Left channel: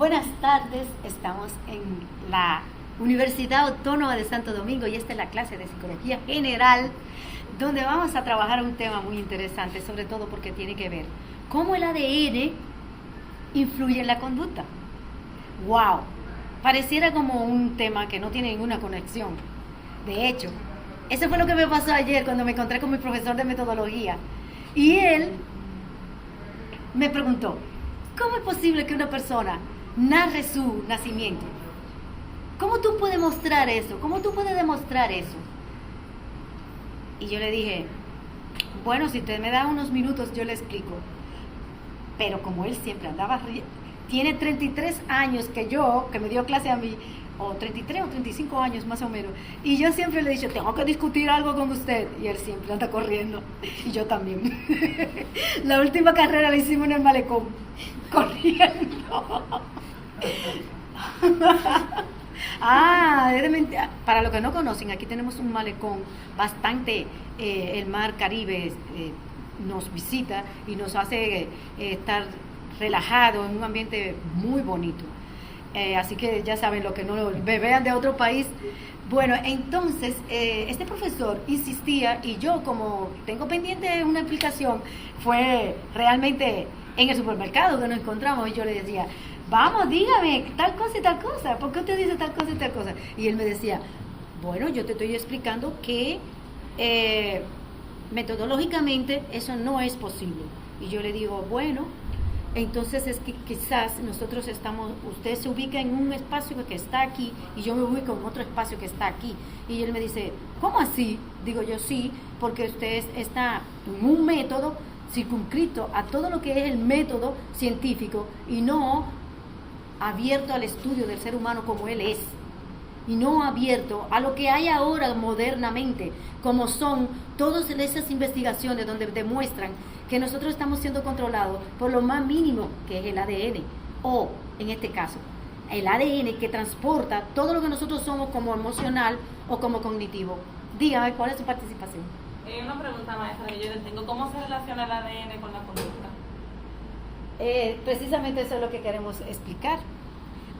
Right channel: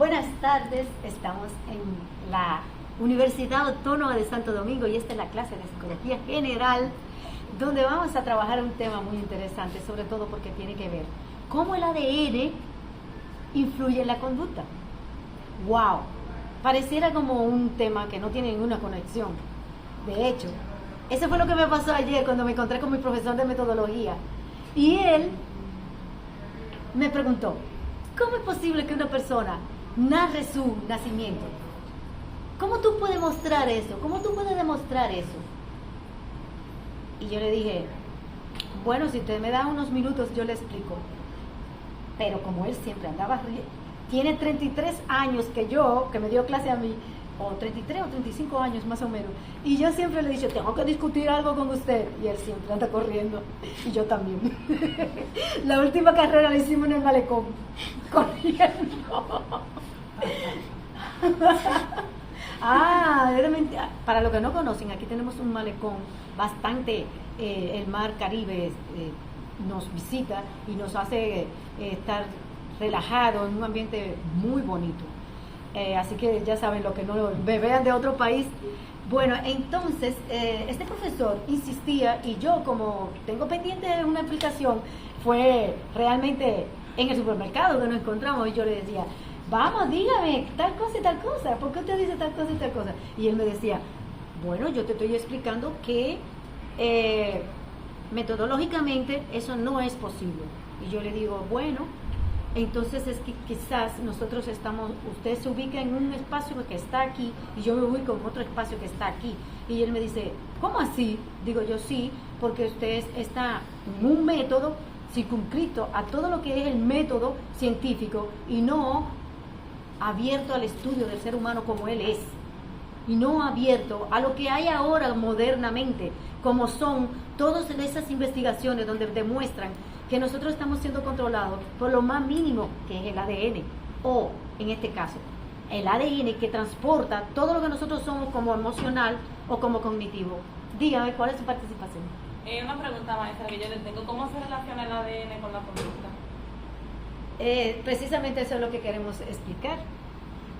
Buenas tardes, estamos en la Universidad Autónoma de Santo Domingo y esta es la clase de Psicología General, donde vamos a trabajar un tema muy interesante, sobre todo porque tiene que ver cómo el ADN influye en la conducta. ¡Wow! Pareciera como un tema que no tiene ninguna conexión. De hecho, eso fue lo que me pasó ayer cuando me encontré con mi profesor de metodología. Y él me preguntó, ¿cómo es posible que una persona narre su nacimiento? ¿Cómo tú puedes mostrar eso? ¿Cómo tú puedes demostrar eso? Y yo le dije, bueno, si usted me da unos minutos yo le explico. Pero como él siempre andaba tiene 33 años que me dio clase a mí, o 33 o 35 años más o menos, y yo siempre le he dicho, tengo que discutir algo con usted, y él siempre anda corriendo, y yo también. La última carrera la hicimos en el malecón, corriendo. Para los que no conocen, aquí tenemos un malecón bastante, el mar Caribe nos visita y nos hace estar relajado en un ambiente muy bonito. Así que ya saben, lo que no me vean de otro país. Bueno, entonces este profesor insistía y yo, como tengo pendiente una explicación, fue realmente en el supermercado donde nos encontramos y yo le decía, vamos, dígame tal cosa y tal cosa, ¿por qué usted dice tal cosa y tal cosa? Y él me decía, bueno, yo te estoy explicando que metodológicamente eso no es posible. Y yo le digo, bueno, entonces es que quizás usted se ubica en un espacio que está aquí y yo me ubico en otro espacio que está aquí. Y él me dice, ¿cómo así? Digo yo, sí, porque usted está en un método circunscrito a todo lo que es el método científico y no abierto al estudio del ser humano como él es, y no abierto a lo que hay ahora modernamente, como son todas esas investigaciones donde demuestran que nosotros estamos siendo controlados por lo más mínimo, que es el ADN, o en este caso, el ADN que transporta todo lo que nosotros somos como emocional o como cognitivo. Dígame, ¿cuál es su participación? Una pregunta, maestra, que yo le tengo. ¿Cómo se relaciona el ADN con la conducta? Precisamente eso es lo que queremos explicar.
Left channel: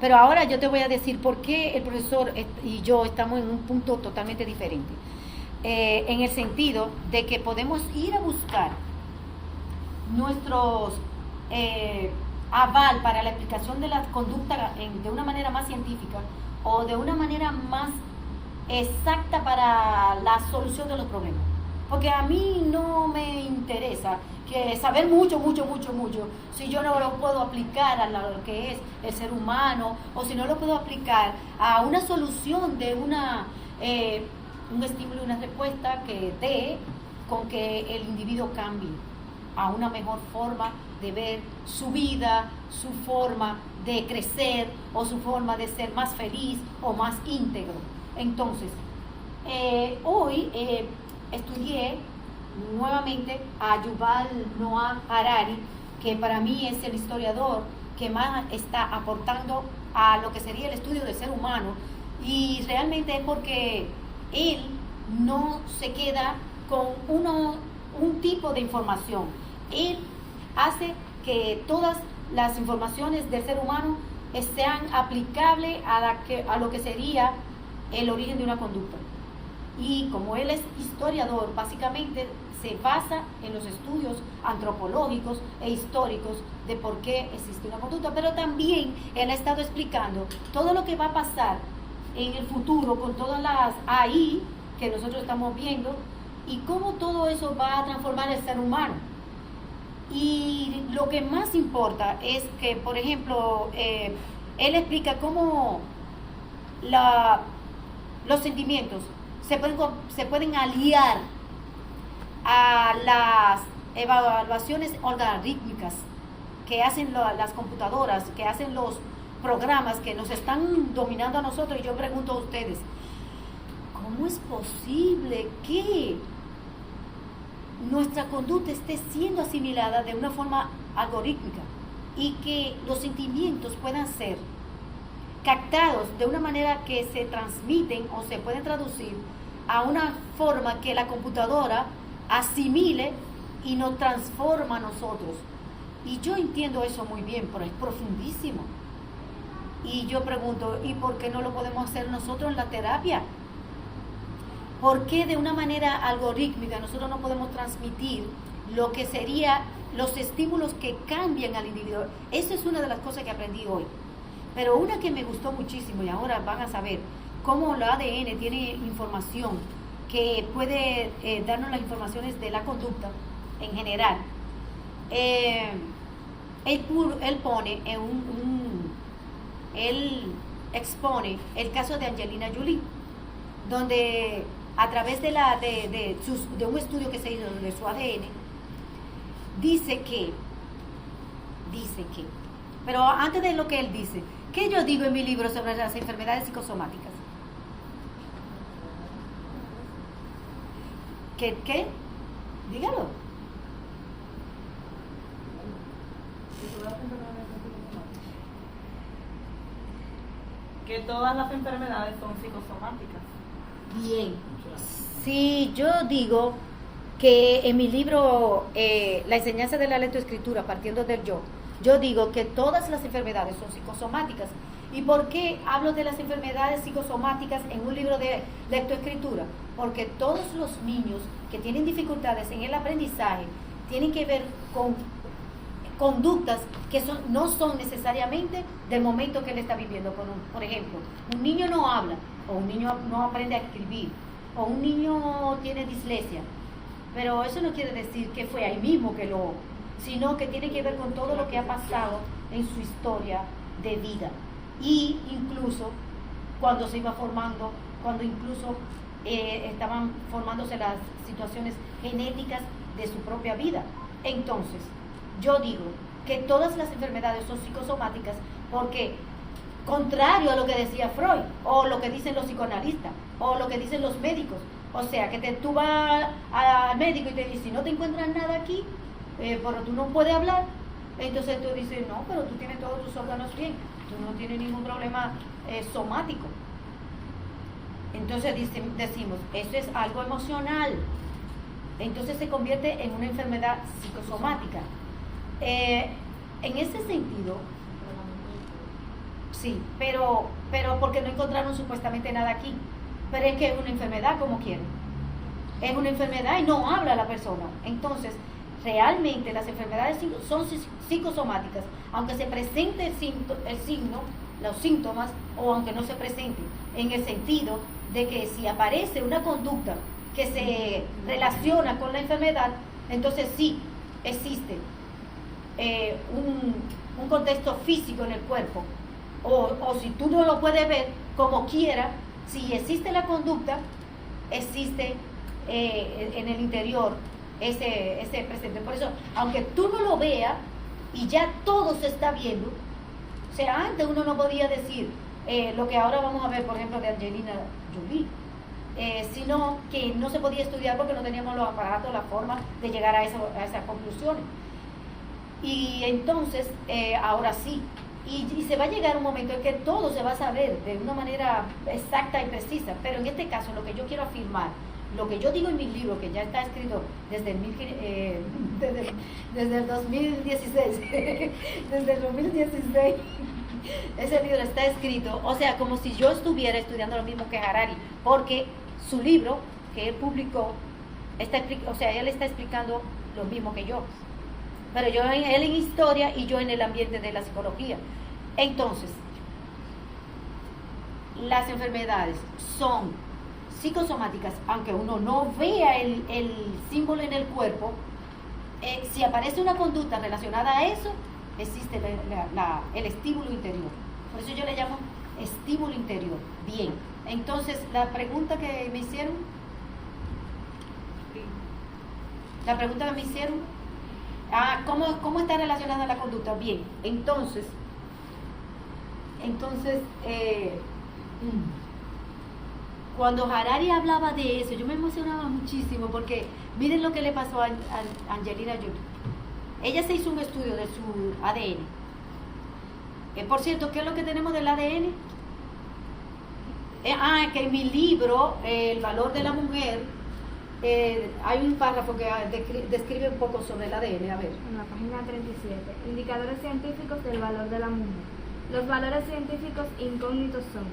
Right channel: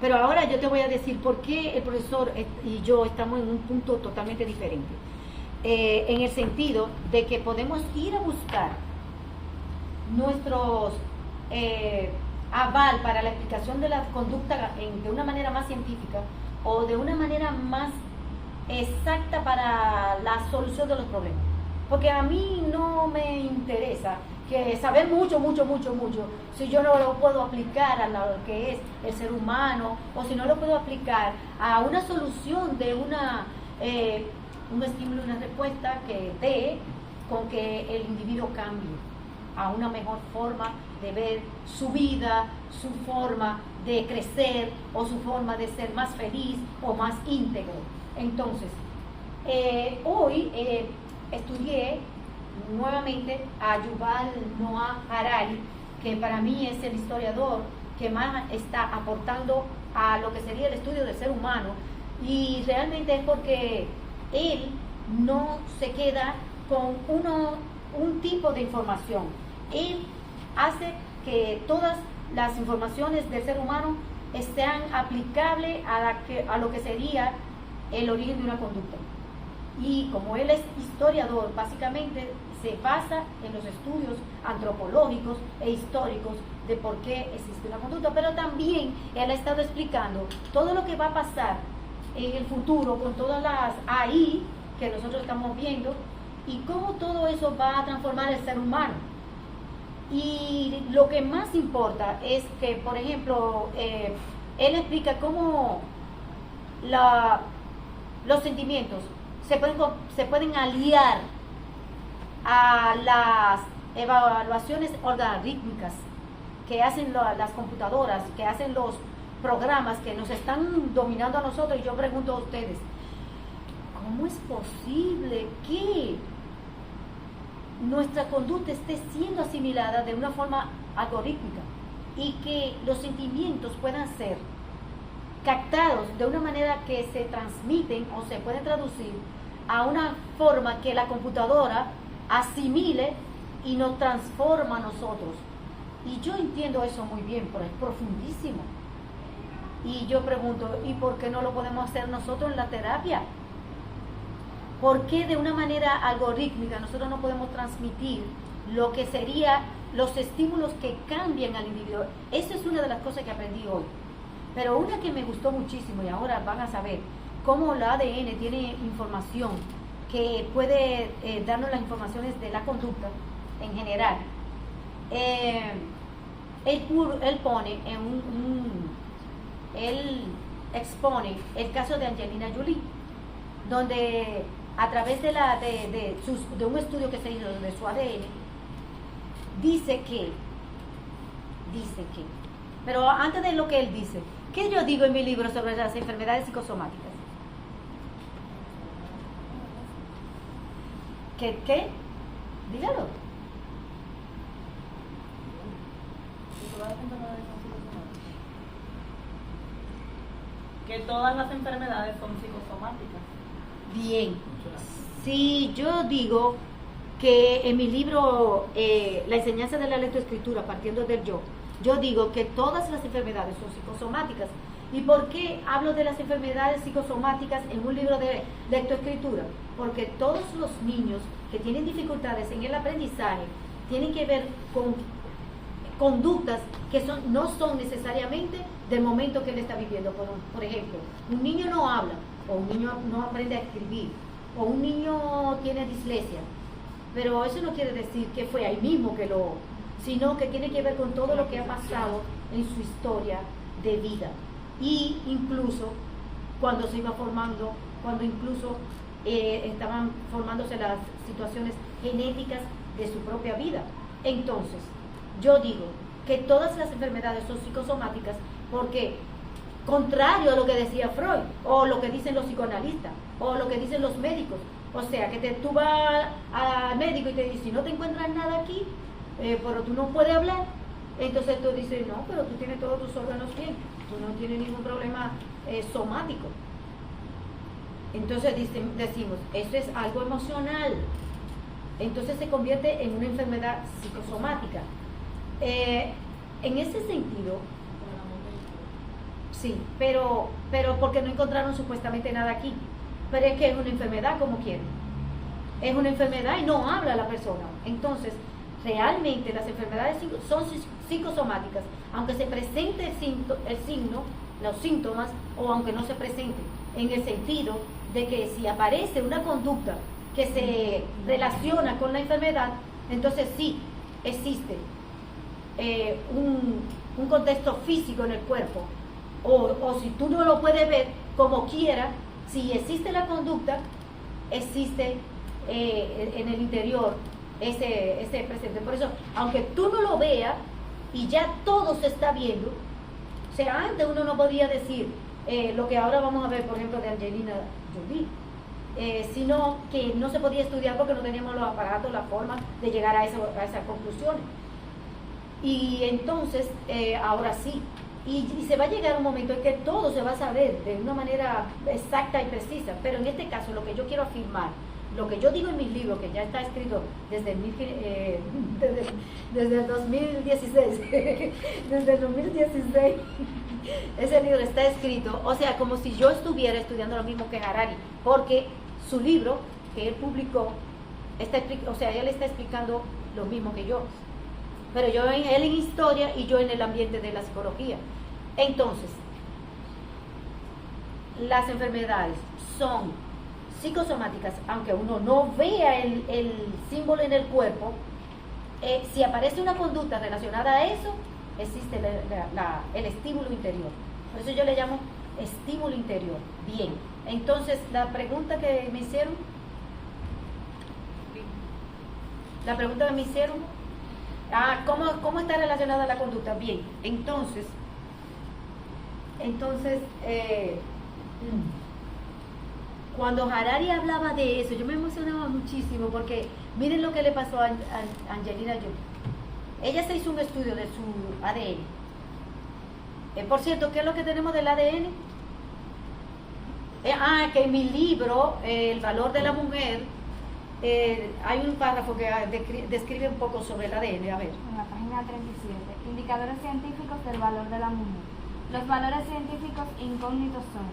Pero ahora yo te voy a decir por qué el profesor y yo estamos en un punto totalmente diferente. En el sentido de que podemos ir a buscar nuestros aval para la explicación de la conducta de una manera más científica o de una manera más exacta para la solución de los problemas. Porque a mí no me interesa que saber mucho, si yo no lo puedo aplicar a lo que es el ser humano, o si no lo puedo aplicar a una solución de un estímulo y una respuesta que dé con que el individuo cambie a una mejor forma de ver su vida, su forma de crecer o su forma de ser más feliz o más íntegro. Entonces, hoy estudié nuevamente a Yuval Noah Harari, que para mí es el historiador que más está aportando a lo que sería el estudio del ser humano, y realmente es porque él no se queda con un tipo de información. Él hace que todas las informaciones del ser humano sean aplicables a lo que sería el origen de una conducta. Y como él es historiador, básicamente se basa en los estudios antropológicos e históricos de por qué existe una conducta, pero también él ha estado explicando todo lo que va a pasar en el futuro con todas las AI que nosotros estamos viendo y cómo todo eso va a transformar el ser humano. Y lo que más importa es que, por ejemplo, él explica cómo los sentimientos se pueden aliar a las evaluaciones algorítmicas que hacen las computadoras, que hacen los programas que nos están dominando a nosotros. Y yo pregunto a ustedes, ¿cómo es posible que nuestra conducta esté siendo asimilada de una forma algorítmica y que los sentimientos puedan ser captados de una manera que se transmiten o se pueden traducir a una forma que la computadora asimile y nos transforma a nosotros? Y yo entiendo eso muy bien, pero es profundísimo. Y yo pregunto, ¿y por qué no lo podemos hacer nosotros en la terapia? ¿Por qué de una manera algorítmica nosotros no podemos transmitir lo que sería los estímulos que cambian al individuo? Eso es una de las cosas que aprendí hoy. Pero una que me gustó muchísimo, y ahora van a saber cómo el ADN tiene información que puede darnos las informaciones de la conducta en general. Él pone en él expone el caso de Angelina Jolie, donde a través de un estudio que se hizo de su ADN, dice que, pero antes de lo que él dice, ¿qué yo digo en mi libro sobre las enfermedades psicosomáticas? ¿Qué? Dígalo. Que todas las enfermedades son psicosomáticas. Bien. Sí, yo digo que en mi libro La enseñanza de la lectoescritura, partiendo del yo digo que todas las enfermedades son psicosomáticas. ¿Y por qué hablo de las enfermedades psicosomáticas en un libro de lectoescritura? Porque todos los niños que tienen dificultades en el aprendizaje tienen que ver con conductas que no son necesariamente del momento que él está viviendo. Por ejemplo, un niño no habla, o un niño no aprende a escribir, o un niño tiene dislexia, pero eso no quiere decir que fue ahí mismo sino que tiene que ver con todo lo que ha pasado en su historia de vida, y incluso cuando se iba formando, cuando incluso estaban formándose las situaciones genéticas de su propia vida. Entonces, yo digo que todas las enfermedades son psicosomáticas porque, contrario a lo que decía Freud, o lo que dicen los psicoanalistas, o lo que dicen los médicos, o sea, que tú vas al médico y te dice, si no te encuentras nada aquí, pero tú no puedes hablar, entonces tú dices, no, pero tú tienes todos tus órganos bien, tú no tienes ningún problema somático. Entonces decimos, eso es algo emocional, entonces se convierte en una enfermedad psicosomática. En ese sentido, sí, pero porque no encontraron supuestamente nada aquí, pero es que es una enfermedad como quieren, es una enfermedad y no habla la persona. Entonces, realmente las enfermedades son psicosomáticas, aunque se presente el signo, los síntomas, o aunque no se presente, en el sentido de que si aparece una conducta que se relaciona con la enfermedad, entonces sí existe un contexto físico en el cuerpo, o si tú no lo puedes ver, como quiera, si existe la conducta, existe en el interior ese presente. Por eso, aunque tú no lo veas y ya todo se está viendo, o sea, antes uno no podía decir lo que ahora vamos a ver, por ejemplo, de Angelina Jolie, sino que no se podía estudiar porque no teníamos los aparatos, la forma de llegar a esas conclusiones. Y entonces, ahora sí, y se va a llegar un momento en que todo se va a saber de una manera exacta y precisa, pero en este caso lo que yo quiero afirmar, lo que yo digo en mi libro, que ya está escrito desde el 2016, desde el 2016, ese libro está escrito, o sea, como si yo estuviera estudiando lo mismo que Harari, porque su libro que él publicó, o sea, él está explicando lo mismo que yo, pero él en historia y yo en el ambiente de la psicología. Entonces, las enfermedades son psicosomáticas, aunque uno no vea el símbolo en el cuerpo. Si aparece una conducta relacionada a eso, existe el estímulo interior. Por eso yo le llamo estímulo interior. Bien, entonces la pregunta que me hicieron, ¿cómo está relacionada la conducta? Bien, entonces cuando Harari hablaba de eso, yo me emocionaba muchísimo, porque miren lo que le pasó a Angelina Jolie. Ella se hizo un estudio de su ADN. Por cierto, ¿qué es lo que tenemos del ADN? Que en mi libro, El valor de la mujer, hay un párrafo que describe un poco sobre el ADN. A ver. En la página 37, indicadores científicos del valor de la mujer. Los valores científicos incógnitos son:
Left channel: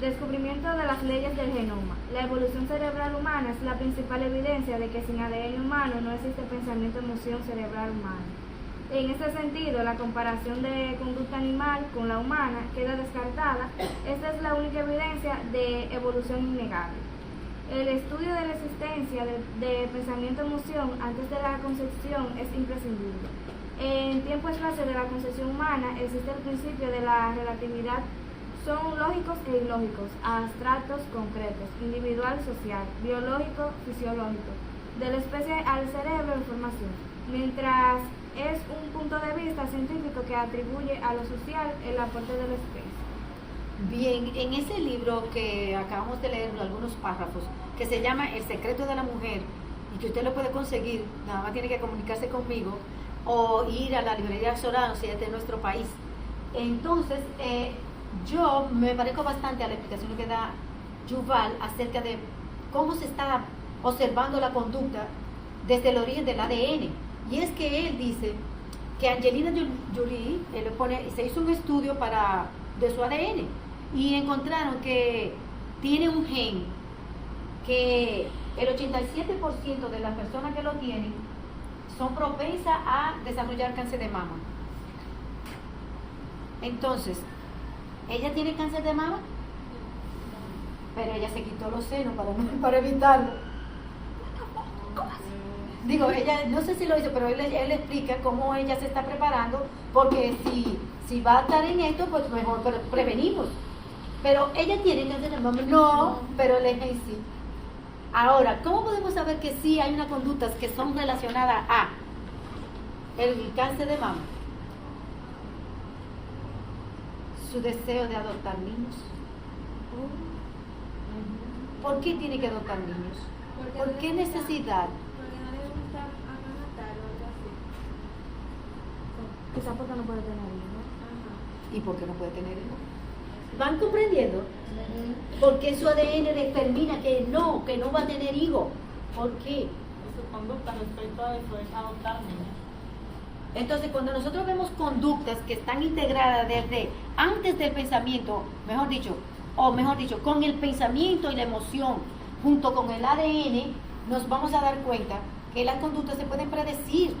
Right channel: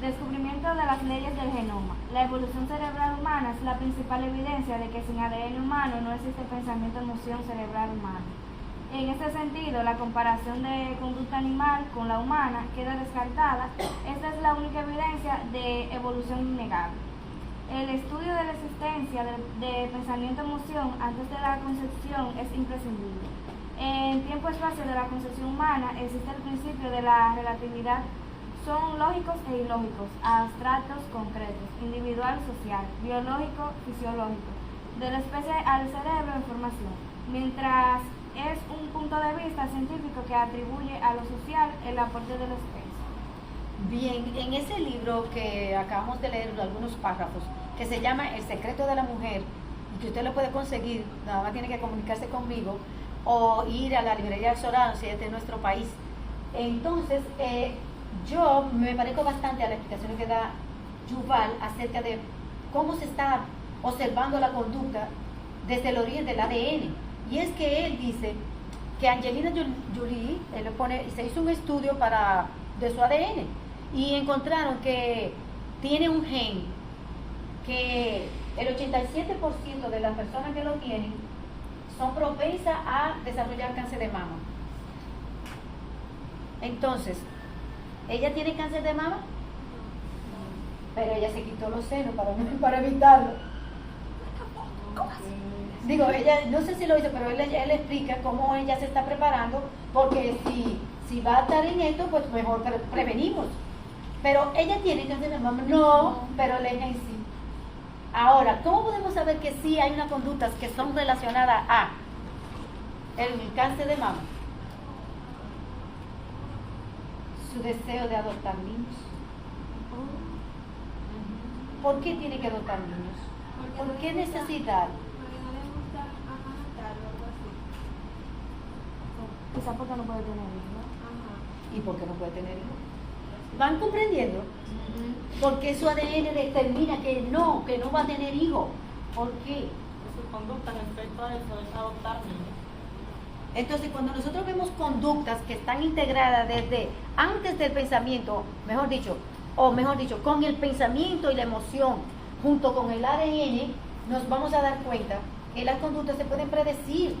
descubrimiento de las leyes del genoma. La evolución cerebral humana es la principal evidencia de que sin ADN humano no existe pensamiento-emoción cerebral humana. En este sentido, la comparación de conducta animal con la humana queda descartada. Esta es la única evidencia de evolución innegable. El estudio de la existencia de pensamiento-emoción antes de la concepción es imprescindible. En tiempo-espacio de la concepción humana existe el principio de la relatividad. Son lógicos e ilógicos, abstractos, concretos, individual, social, biológico, fisiológico, de la especie al cerebro, información, mientras es un punto de vista científico que atribuye a lo social el aporte de la especie. Bien, en ese libro que acabamos de leer algunos párrafos, que se llama El secreto de la mujer, y que usted lo puede conseguir, nada más tiene que comunicarse conmigo, o ir a la librería Sorano, si es de nuestro país. Entonces, yo me parezco bastante a la explicación que da Yuval acerca de cómo se está observando la conducta desde el origen del ADN. Y es que él dice que Angelina Jolie, él le pone, se hizo un estudio de su ADN y encontraron que tiene un gen que el 87% de las personas que lo tienen son propensas a desarrollar cáncer de mama. Entonces, ¿ella tiene cáncer de mama? Pero ella se quitó los senos para evitarlo. ¿Cómo así? Digo, ella, no sé si lo hizo, pero él explica cómo ella se está preparando, porque si va a estar en esto, pues mejor prevenimos. Pero ella tiene cáncer de mama, no, pero el gen sí. Ahora, ¿cómo podemos saber que sí hay unas conductas que son relacionadas a el cáncer de mama? Su deseo de adoptar niños. ¿Por qué tiene que adoptar niños? ¿Por qué necesidad? Quizás porque no puede tener hijos. ¿Y por qué no puede tener hijos? ¿Van comprendiendo? Porque su ADN determina que no va a tener hijos. ¿Por qué? Su conducta respecto a eso es adoptar niños. Entonces, cuando nosotros vemos conductas que están integradas desde antes del pensamiento, mejor dicho, con el pensamiento y la emoción, junto con el ADN, nos vamos a dar cuenta que las conductas se pueden predecir.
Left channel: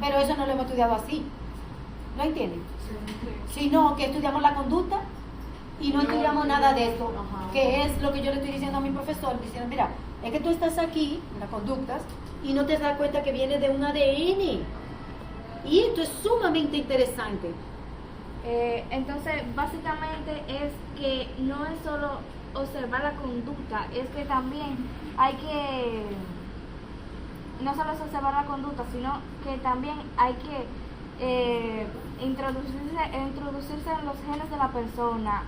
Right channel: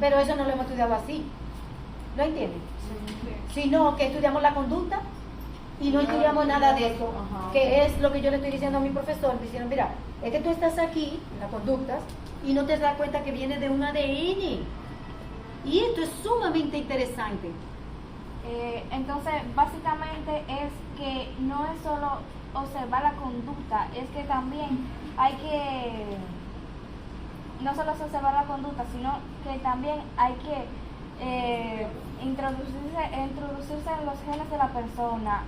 Pero eso no lo hemos estudiado así. ¿Lo entienden? Sí. Sino que estudiamos la conducta y no estudiamos nada de eso, que es lo que yo le estoy diciendo a mi profesor, diciendo, mira, es que tú estás aquí, en las conductas, y no te das cuenta que viene de un ADN. Y esto es sumamente interesante. Entonces, básicamente es que no es solo observar la conducta, es que también hay que, no solo es observar la conducta, sino que también hay que introducirse en los genes de la persona,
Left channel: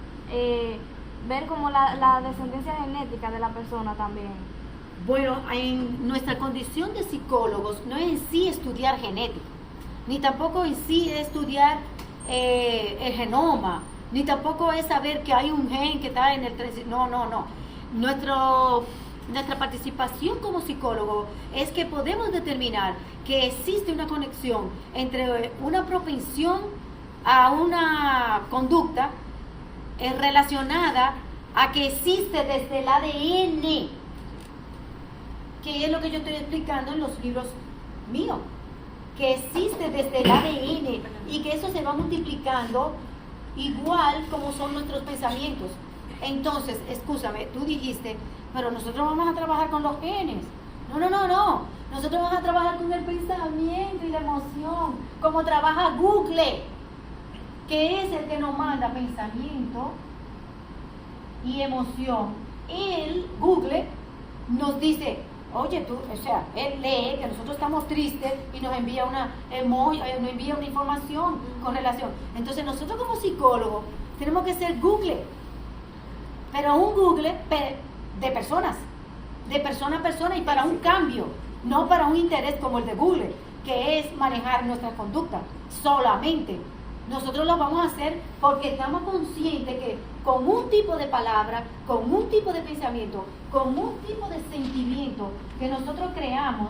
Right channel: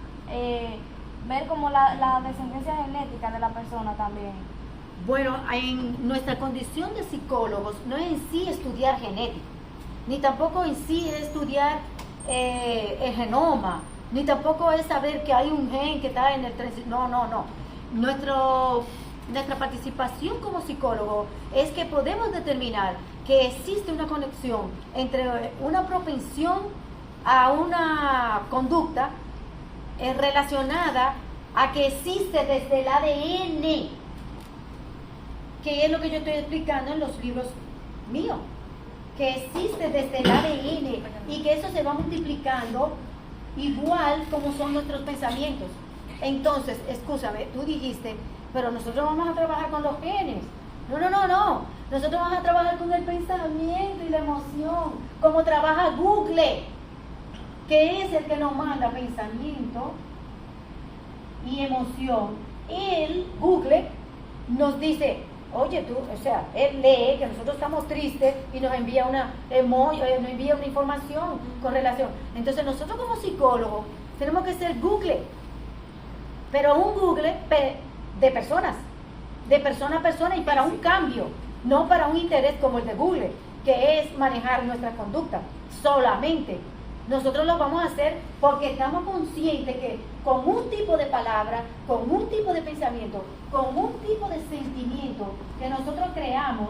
ver como la descendencia genética de la persona también. Bueno, en nuestra condición de psicólogos no es en sí estudiar genética, ni tampoco en sí es estudiar el genoma, ni tampoco es saber que hay un gen que está en el 3. No. Nuestra participación como psicólogo es que podemos determinar que existe una conexión entre una propensión a una conducta relacionada a que existe desde el ADN, que es lo que yo estoy explicando en los libros míos, que existe desde el ADN y que eso se va multiplicando igual como son nuestros pensamientos. Entonces, escúchame, tú dijiste, pero nosotros vamos a trabajar con los genes. No. Nosotros vamos a trabajar con el pensamiento y la emoción, como trabaja Google, que es el que nos manda pensamiento y emoción. Google nos dice, oye tú, o sea, él lee que nosotros estamos tristes y nos envía una información con relación. Entonces nosotros como psicólogos tenemos que ser Google, pero un Google de personas, de persona a persona y para un cambio, no para un interés como el de Google, que es manejar nuestra conducta solamente. Nosotros lo vamos a hacer porque estamos conscientes que con un tipo de palabra, con un tipo de pensamiento, con un tipo de sentimiento que nosotros creamos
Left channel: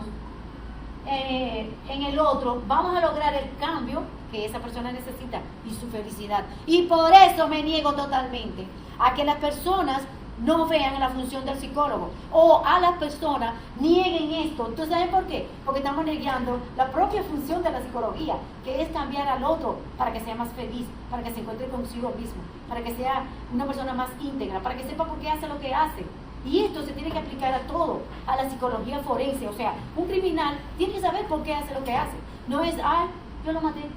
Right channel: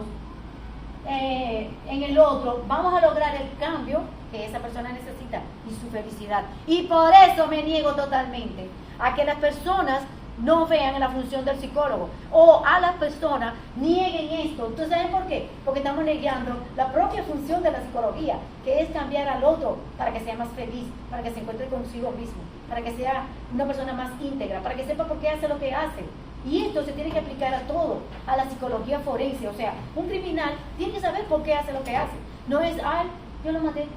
en el otro, vamos a lograr el cambio que esa persona necesita. y su felicidad. Y por eso me niego totalmente a que las personas no vean la función del psicólogo o a las personas nieguen esto. Entonces, ¿saben por qué? Porque estamos negando la propia función de la psicología, que es cambiar al otro para que sea más feliz, para que se encuentre consigo mismo, para que sea una persona más íntegra, para que sepa por qué hace lo que hace. Y esto se tiene que aplicar a todo, a la psicología forense. O sea, un criminal tiene que saber por qué hace lo que hace. No es, ay, yo lo maté,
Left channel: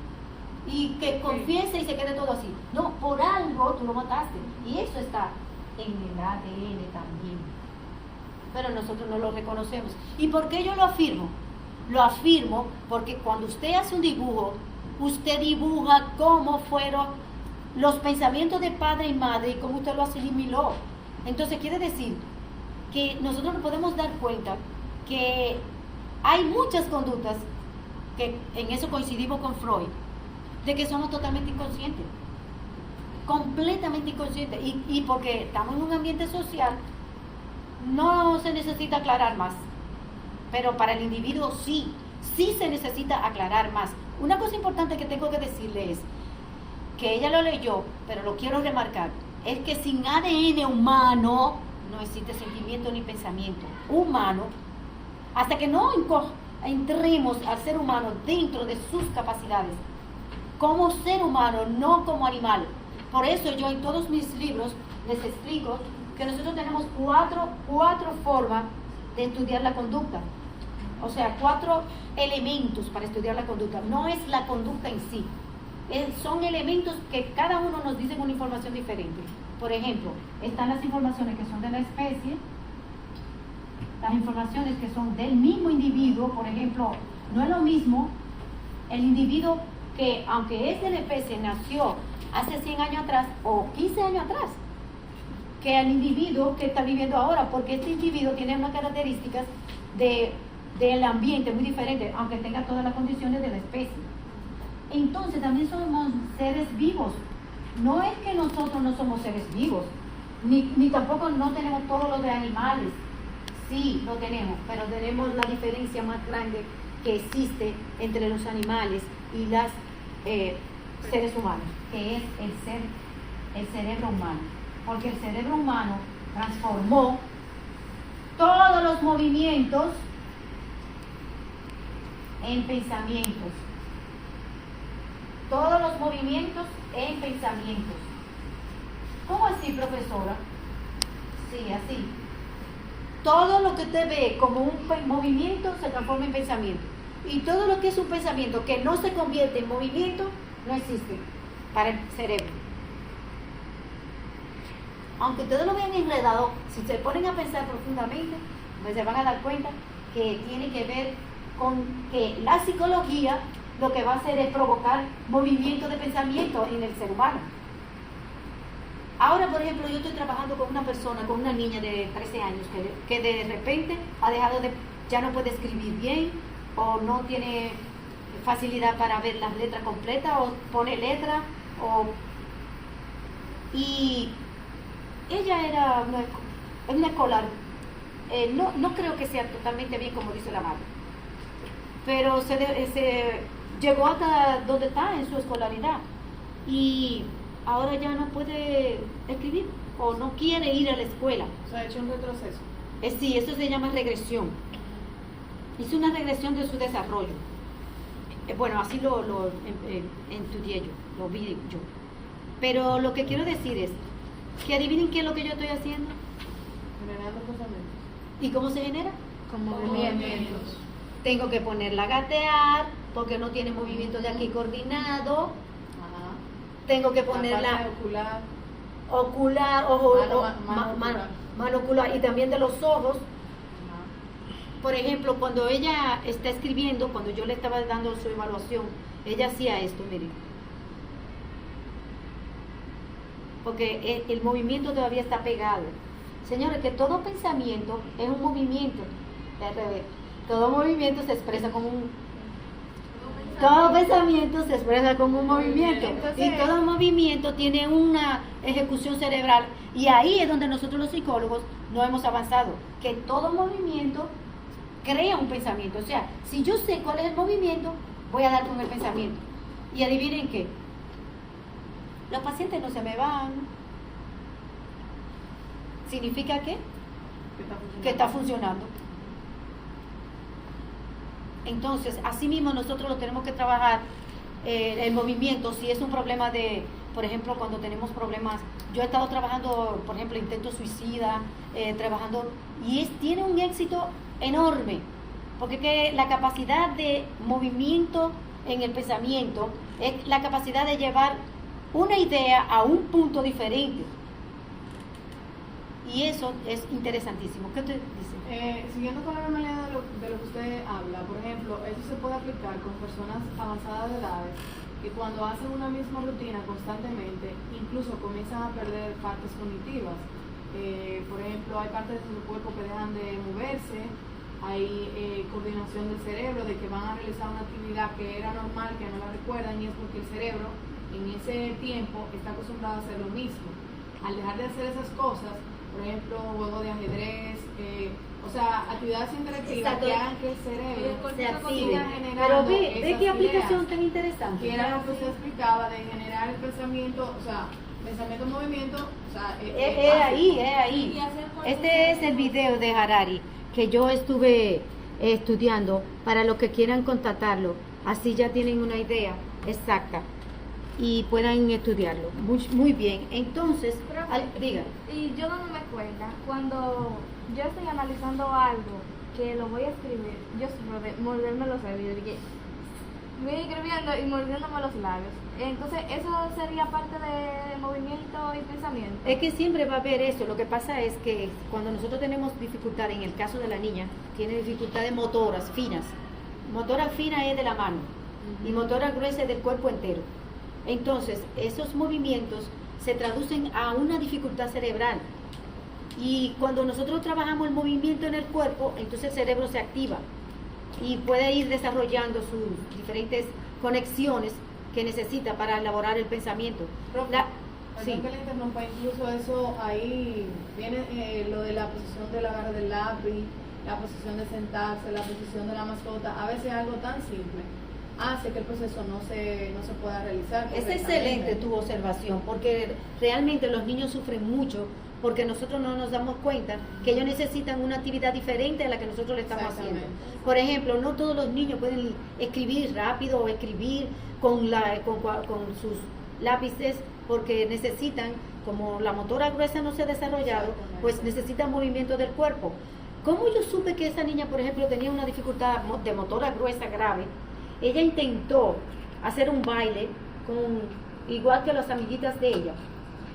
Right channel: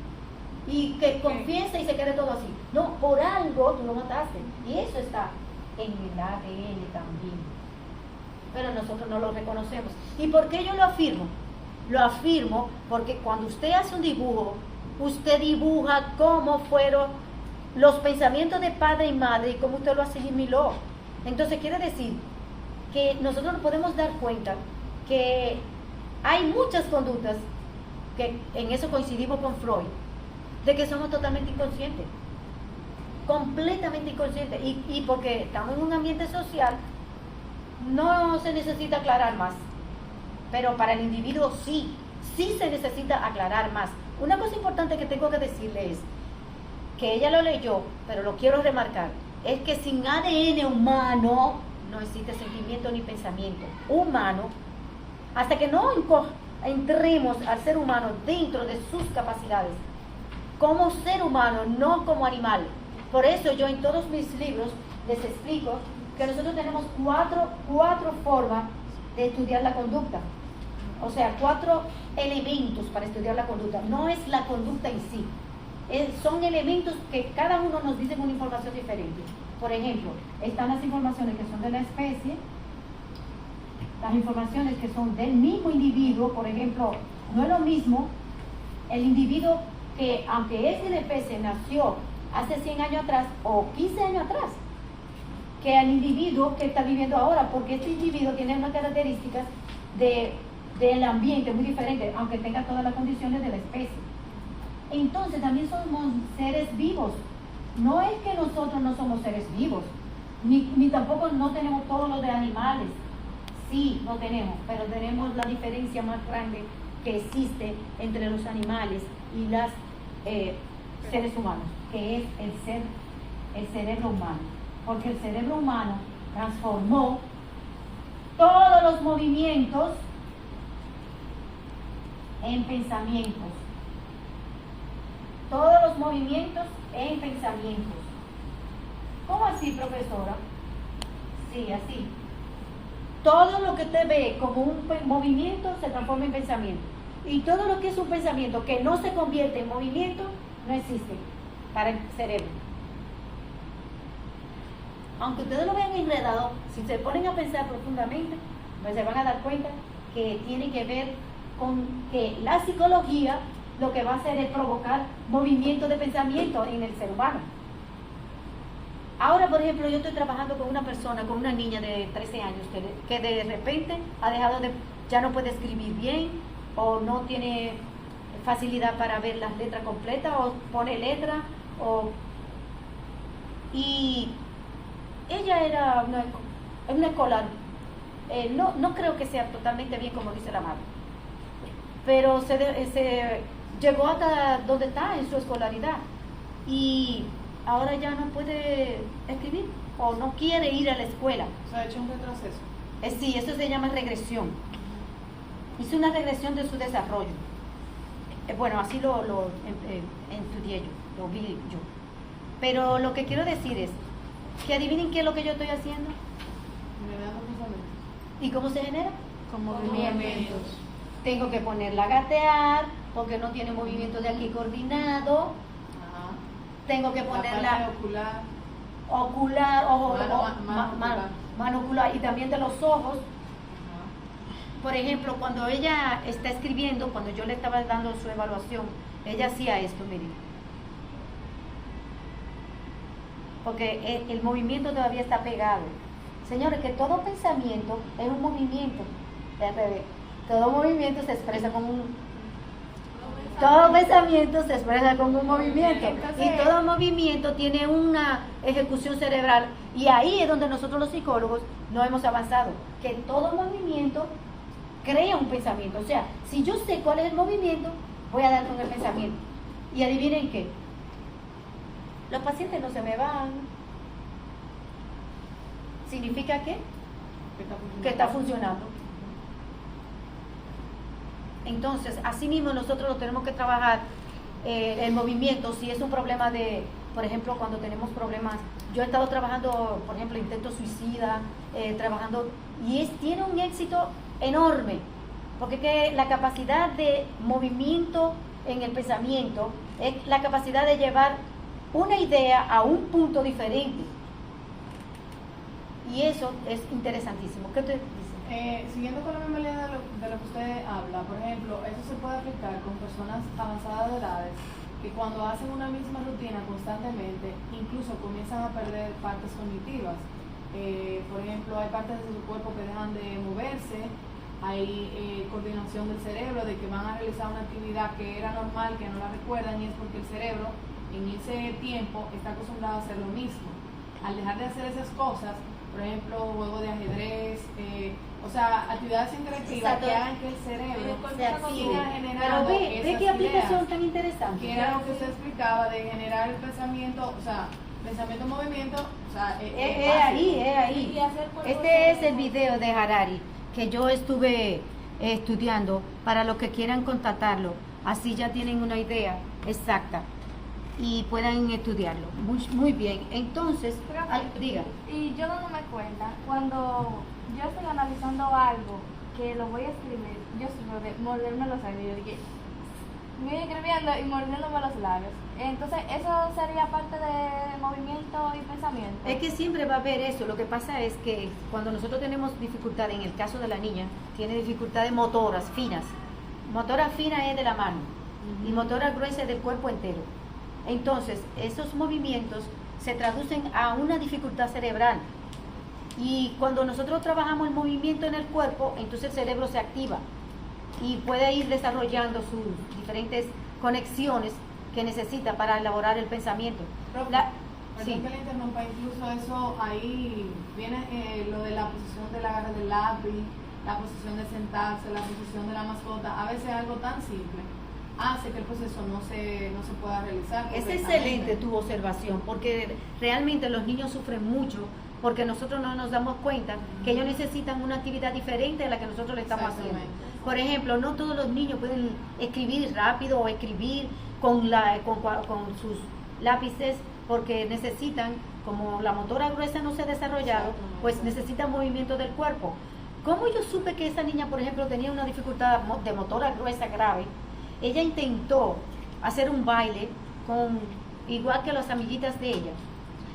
y que confiese y se quede todo así. No, por algo tú lo mataste. Y eso está en el ADN también. Pero nosotros no lo reconocemos. ¿Y por qué yo lo afirmo? Lo afirmo porque cuando usted hace un dibujo, usted dibuja cómo fueron los pensamientos de padre y madre y cómo usted lo asimiló. Entonces quiere decir que nosotros nos podemos dar cuenta que hay muchas conductas, que en eso coincidimos con Freud, de que somos totalmente inconscientes, completamente inconscientes, y porque estamos en un ambiente social, no se necesita aclarar más, pero para el individuo sí se necesita aclarar más. Una cosa importante que tengo que decirle es que ella lo leyó, pero lo quiero remarcar, es que sin ADN humano no existe sentimiento ni pensamiento humano, hasta que no entremos al ser humano dentro de sus capacidades, como ser humano, no como animal. Por eso yo en todos mis libros les explico que nosotros tenemos cuatro formas de estudiar la conducta. O sea, 4 elementos para estudiar la conducta. No es la conducta en sí. Son elementos que cada uno nos dice una información diferente. Por ejemplo, están las informaciones que son de la especie, las informaciones que son del mismo individuo. Por ejemplo, no es lo mismo el individuo que, aunque es de la especie, nació hace 100 años atrás o 15 años atrás, que el individuo que está viviendo ahora, porque este individuo tiene unas características del ambiente muy diferentes, aunque tenga todas las condiciones de la especie. Entonces también somos seres vivos. No es que nosotros no somos seres vivos, ni tampoco no tenemos todo lo de animales. Sí, lo tenemos, pero tenemos la diferencia más grande que existe entre los animales y los seres humanos, que es el cerebro humano. Porque el cerebro humano transformó todos los movimientos en pensamientos. Todos los movimientos en pensamientos. ¿Cómo así, profesora? Sí, así. Todo lo que usted ve como un movimiento se transforma en pensamiento. Y todo lo que es un pensamiento que no se convierte en movimiento, no existe para el cerebro. Aunque ustedes lo vean enredado, si se ponen a pensar profundamente, pues se van a dar cuenta que tiene que ver con que la psicología lo que va a hacer es provocar movimiento de pensamiento en el ser humano. Ahora, por ejemplo, yo estoy trabajando con una persona, con una niña de 13 años que de repente ha dejado ya no puede escribir bien, o no tiene facilidad para ver las letras completas, o pone letra, y ella era una escolar. No creo que sea totalmente bien como dice la madre, pero se llegó hasta donde está en su escolaridad, y ahora ya no puede escribir o no quiere ir a la escuela. ¿Se ha hecho un retroceso? Sí, eso se llama regresión. Hizo una regresión de su desarrollo. Bueno, así lo estudié yo, lo vi yo. Pero lo que quiero decir es que adivinen qué es lo que yo estoy haciendo. Generando pensamientos. ¿Y cómo se genera? Con movimientos. Tengo que ponerla a gatear porque no tiene movimiento de aquí coordinado. Ajá. Tengo que La ponerla parte ocular, mano ocular, y también de los ojos. Por ejemplo, cuando ella está escribiendo, cuando yo le estaba dando su evaluación, ella hacía esto, miren. Porque el movimiento todavía está pegado. Señores, que todo pensamiento es un movimiento. Al revés. Todo movimiento se expresa como todo pensamiento se expresa como un movimiento. Y todo movimiento tiene una ejecución cerebral. Y ahí es donde nosotros los psicólogos no hemos avanzado. Que todo movimiento crea un pensamiento. O sea, si yo sé cuál es el movimiento, voy a dar con el pensamiento. Y adivinen qué. los pacientes no se me van. ¿Significa qué? Que está funcionando. Entonces, así mismo nosotros lo tenemos que trabajar el movimiento. Si es un problema de, por ejemplo, cuando tenemos problemas, yo he estado trabajando, por ejemplo, intento suicida, trabajando, y tiene un éxito enorme, porque que la capacidad de movimiento en el pensamiento es la capacidad de llevar una idea a un punto diferente. Y eso es interesantísimo. ¿Qué usted dice? Siguiendo con la misma línea de lo que usted habla, por ejemplo, eso se puede aplicar con personas avanzadas de edades que cuando hacen una misma rutina constantemente, incluso comienzan a perder partes cognitivas. Por ejemplo, hay partes de su cuerpo que dejan de moverse, hay coordinación del cerebro, de que van a realizar una actividad que era normal, que no la recuerdan, y es porque el cerebro en ese tiempo está acostumbrado a hacer lo mismo. Al dejar de hacer esas cosas, por ejemplo, juego de ajedrez, o sea, actividades interactivas que hagan que el cerebro se active. siga Pero generando ve qué esas aplicación ideas, tan interesante. que era lo que se explicaba de generar el pensamiento, o sea, pensamiento-movimiento, o sea, Es ahí. Y hacer por Este es el video de Harari que yo estuve estudiando para los que quieran contactarlo. Así ya tienen una idea exacta y puedan estudiarlo. Muy bien. Entonces, diga. Y yo dándome cuenta, cuando yo estoy analizando algo que lo voy a escribir, yo siempre morderme los labios. Yo dije, voy escribiendo y mordiéndome los labios. Entonces, ¿eso sería parte de movimiento y pensamiento? Es que siempre va a haber eso. Lo que pasa es que cuando nosotros tenemos dificultad, en el caso de la niña, tiene dificultades motoras finas. Motora fina es de la mano y motora gruesa es del cuerpo entero. Entonces, esos movimientos se traducen a una dificultad cerebral. Y cuando nosotros trabajamos el movimiento en el cuerpo, entonces el cerebro se activa y puede ir desarrollando sus diferentes conexiones que necesita para elaborar el pensamiento. Sí. Que le interrumpa, incluso eso ahí viene lo de la posición del agarre del lápiz, la posición de sentarse, la posición de la mascota. A veces algo tan simple hace que el proceso no se pueda realizar. Es excelente tu observación, porque realmente los niños sufren mucho porque nosotros no nos damos cuenta que ellos necesitan una actividad diferente a la que nosotros le estamos haciendo. Por ejemplo, no todos los niños pueden escribir rápido o escribir con sus lápices, porque necesitan, como la motora gruesa no se ha desarrollado, pues necesitan movimiento del cuerpo. ¿Cómo yo supe que esa niña, por ejemplo, tenía una dificultad de motora gruesa grave? Ella intentó hacer un baile igual que las amiguitas de ella.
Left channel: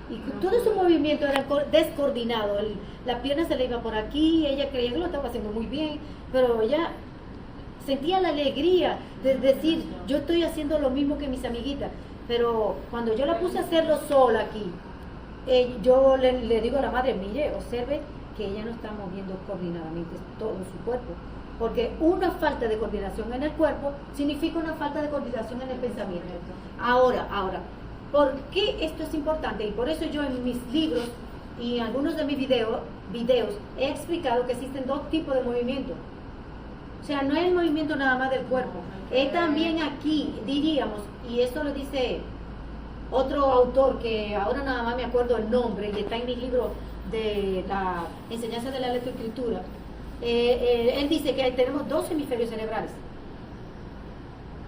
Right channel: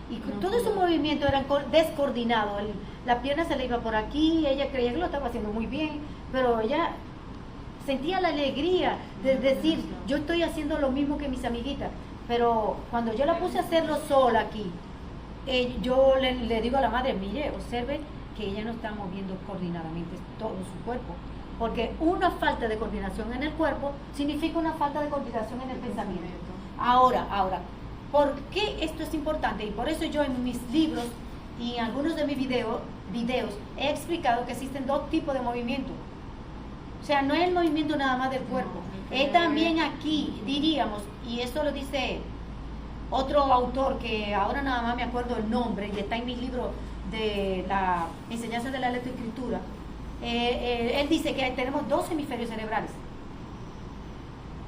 Y todo su movimiento era descoordinado. La pierna se le iba por aquí, ella creía que lo estaba haciendo muy bien, pero ella sentía la alegría de decir, yo estoy haciendo lo mismo que mis amiguitas. Pero cuando yo la puse a hacerlo sola aquí, yo le digo a la madre, mire, observe que ella no está moviendo coordinadamente todo su cuerpo, porque una falta de coordinación en el cuerpo significa una falta de coordinación en el pensamiento. Ahora, ¿por qué esto es importante? Y por eso yo en mis libros y en algunos de mis videos he explicado que existen dos tipos de movimiento. O sea, no es el movimiento nada más del cuerpo, es también aquí, diríamos, y eso lo dice otro autor que ahora nada más me acuerdo el nombre y está en mi libro de la enseñanza de la lectoescritura. Él dice que tenemos dos hemisferios cerebrales.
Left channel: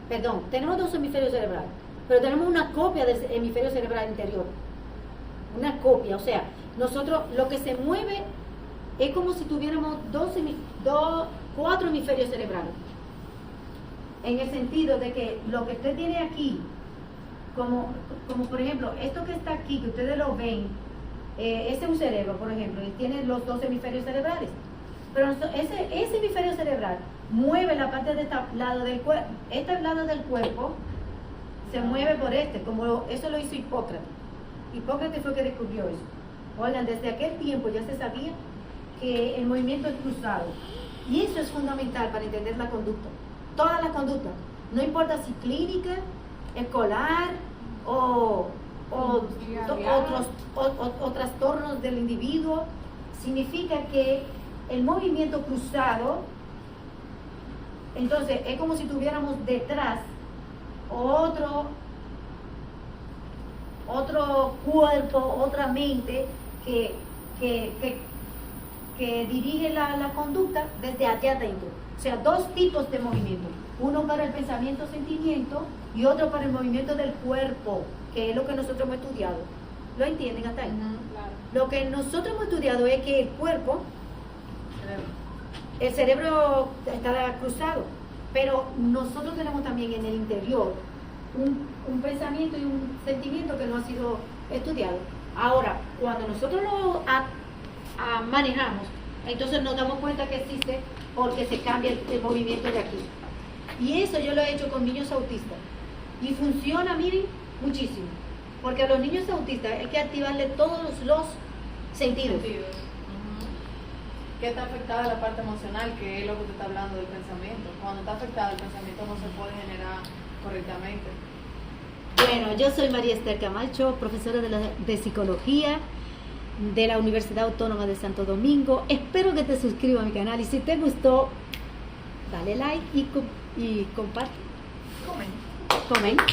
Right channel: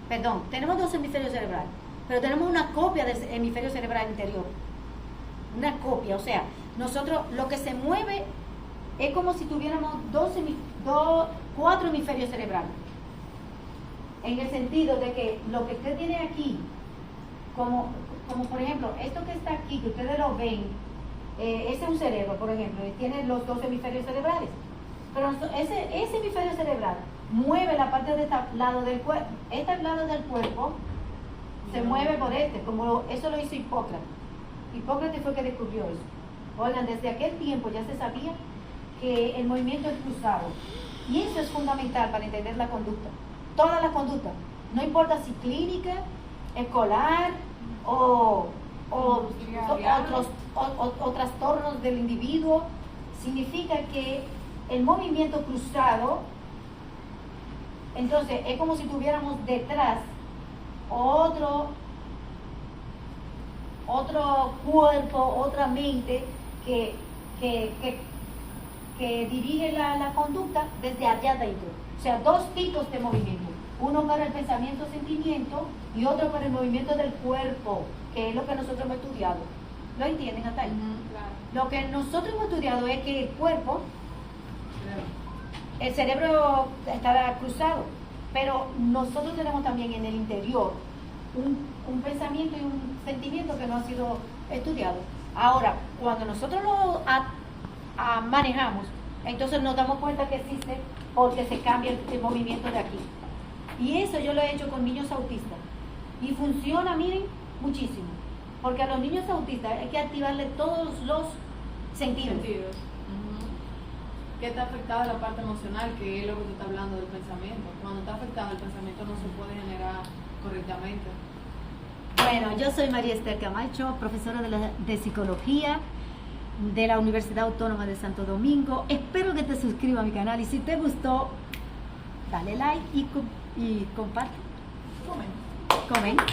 Perdón, tenemos dos hemisferios cerebrales, pero tenemos una copia del hemisferio cerebral interior. Una copia, o sea, nosotros lo que se mueve es como si tuviéramos cuatro hemisferios cerebrales. En el sentido de que lo que usted tiene aquí, como por ejemplo, esto que está aquí, que ustedes lo ven, ese es un cerebro, por ejemplo, y tiene los dos hemisferios cerebrales. Pero ese hemisferio cerebral mueve la parte de este lado del cuerpo. Este lado del cuerpo se mueve por como eso lo hizo Hipócrates. Hipócrates fue que descubrió eso. Oigan, desde aquel tiempo ya se sabía que el movimiento es cruzado. Y eso es fundamental para entender la conducta. Todas las conductas. No importa si clínica, escolar o trastornos del individuo. Significa que el movimiento cruzado, entonces es como si tuviéramos detrás otro cuerpo, otra mente que, que dirige la conducta desde allá adentro. O sea, dos tipos de movimiento. Uno para el pensamiento, sentimiento y otro para el movimiento del cuerpo, que es lo que nosotros hemos estudiado. ¿Lo entienden hasta ahí? Claro. Lo que nosotros hemos estudiado es que el cuerpo, el cerebro está cruzado, pero nosotros tenemos también en el interior un pensamiento y un sentimiento que no ha sido estudiado. Ahora, cuando nosotros lo manejamos, entonces nos damos cuenta que existe porque se cambia el movimiento de aquí. Y eso yo lo he hecho con niños autistas. Y funciona, miren, muchísimo. Porque a los niños autistas hay que activarle todos los sentidos. ¿Qué está afectada la parte emocional, que es lo que tú estás hablando del pensamiento? Cuando está afectada el pensamiento no se puede generar correctamente. Bueno, yo soy María Esther Camacho, profesora de psicología de la Universidad Autónoma de Santo Domingo. Espero que te suscribas a mi canal y si te gustó, dale like y comparte. Comen. Comenta.